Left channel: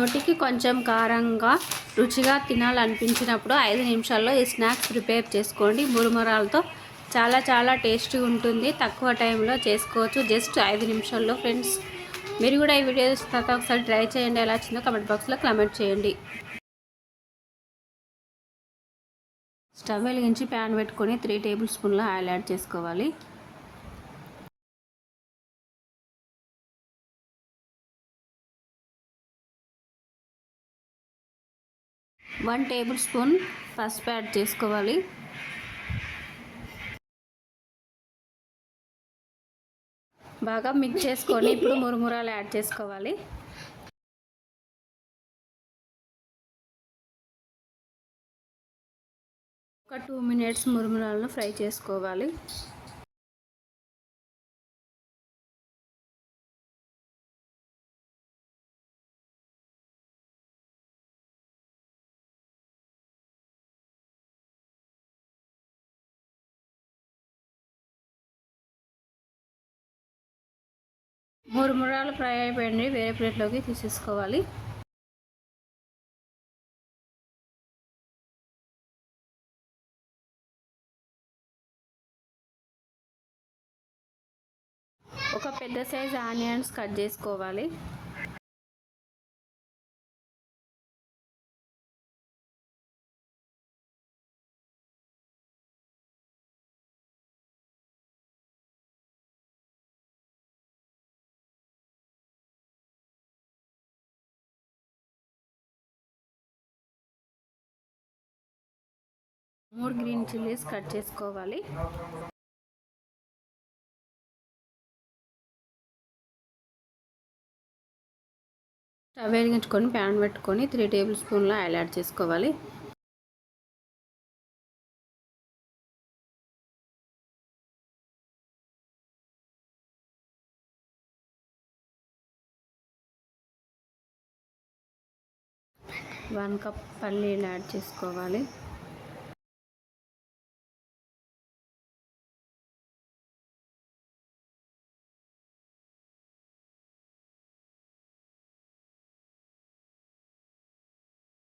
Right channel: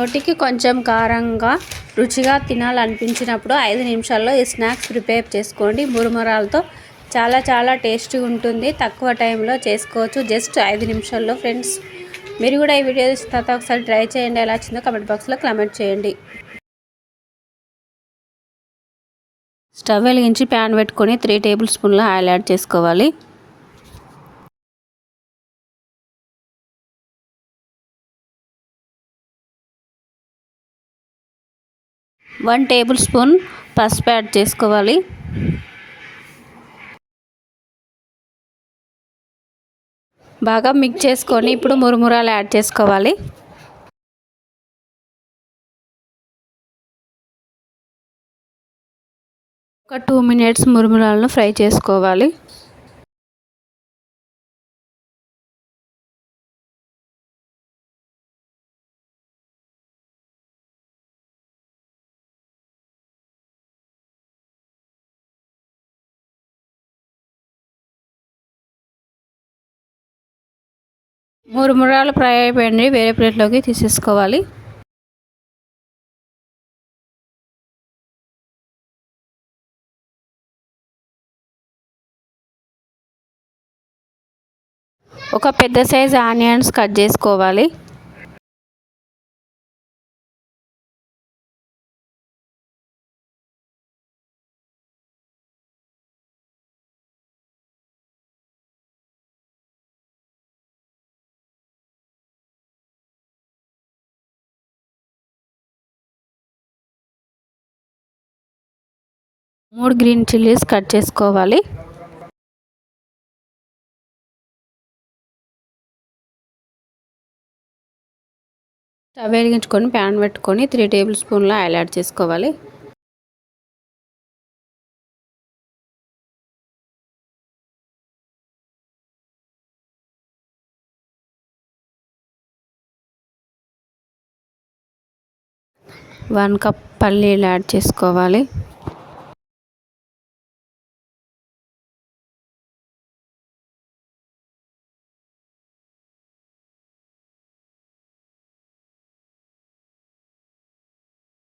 నోటికి కొంచెం కారంగా రుచిగా తినాలనిపించినప్పుడు 5 నిమిషాల్లో ఈ స్నాక్స్ ప్రిపేర్ చేసుకోండి. మురుమురాలతో చాలా టేస్టీగా ఉంటుంది. తక్కువ టైంలో చేసుకోవచ్చు, జస్ట్ 5 నిమిషాల్లో. ఫ్రెండ్స్, మీరు కూడా ఈ వీడియో చూసిన తర్వాత ఒకసారి ట్రై చేయండి. ఎలా వచ్చిందో కమెంట్ బాక్స్లో కామెంట్ చేయండి. స్టవ్ వెలిగించి ప్యాన్ పెట్టుకొని 3 టేబుల్ స్పూన్ల ఆయిల్ యాడ్ చేసుకోవాలి. 1 టేబుల్ స్పూన్ పసుపు యాడ్ చేసుకోవాలి. బాగా మిక్స్ చేసుకొని ఇప్పుడు మురుమురాలు యాడ్ చేసుకోవాలి. ఒక 2 మినిట్స్ మురుమురాలను ఫ్రై చేసుకోవాలి. మురుమురాలు ఫ్రై అయిపోయింది, వేరే ప్లేట్లోకి తీసేసుకోవాలి. ఒక పెద్ద సైజ్ ఆనియన్స్ కట్ చేసుకోవాలి. మూడు గ్రీన్ చిల్లీస్ కట్ చేసుకోవాలి. స్టవ్ వెలిగించుకొని ప్యాన్ పెట్టుకొని 3 టేబుల్ స్పూన్ల ఆయిల్ యాడ్ చేసుకోవాలి. వన్ కప్ పల్లీలు యాడ్ చేసుకోవాలి.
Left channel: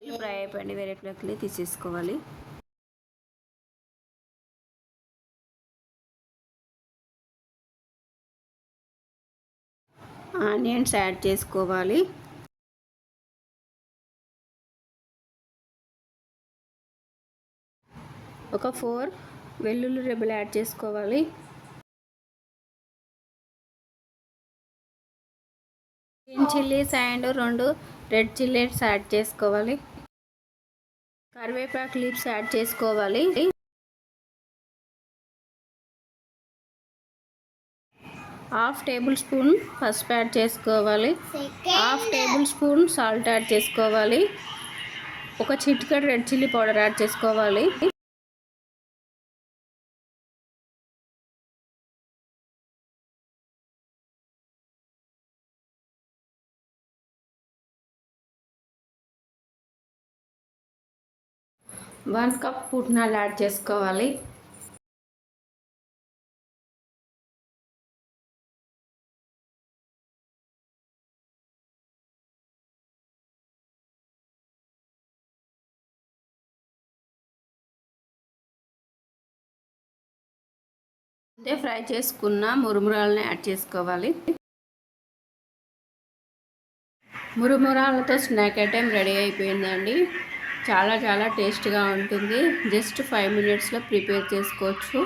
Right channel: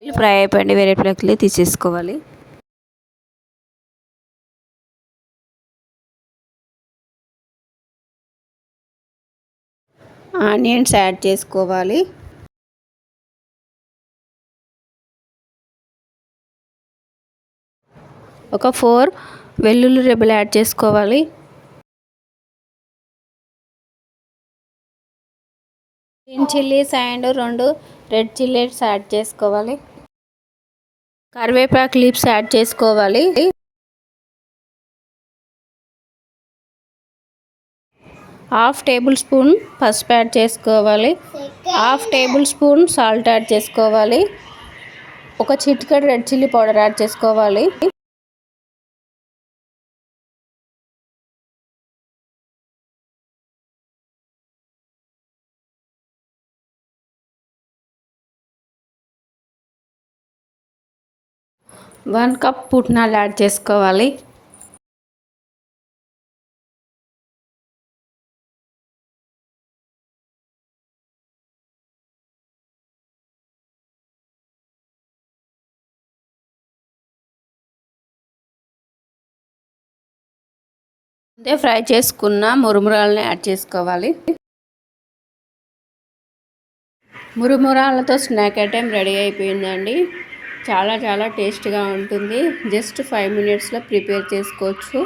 ఫ్రై అయిపోయింది, వేరే ప్లేట్లోకి తీసేసుకోవాలి. ఆనియన్స్ యాడ్ చేసుకోవాలి. ఒక 4 వెల్లుల్లి రెబ్బలు యాడ్ చేసుకోవాలి. Green chillies and 2 red chillies add చేసుకోవాలి. కరివేపాకు లీవ్స్ యాడ్ చేసుకోవాలి. హాఫ్ టేబుల్ స్పూన్ పసుపు యాడ్ చేసుకోవాలి. Half table spoon salt add చేసుకోవాలి. ఒక చిటికెడు రెడ్ చిల్లీ పౌడర్ యాడ్ చేసుకోవాలి. వన్ కప్ పుట్నాలు యాడ్ చేసుకోవాలి. అంటే ఫ్రై చేసుకున్న మురుమురాలను యాడ్ చేసుకోవాలి. మురుమురాలతో స్నాక్ ఐటెం రెడీ అయిపోయిందండి. చాలా టేస్ట్గా ఉంటుంది. జస్ట్ 5 మినిట్స్లో ప్రిపేర్ చేసుకోవచ్చు.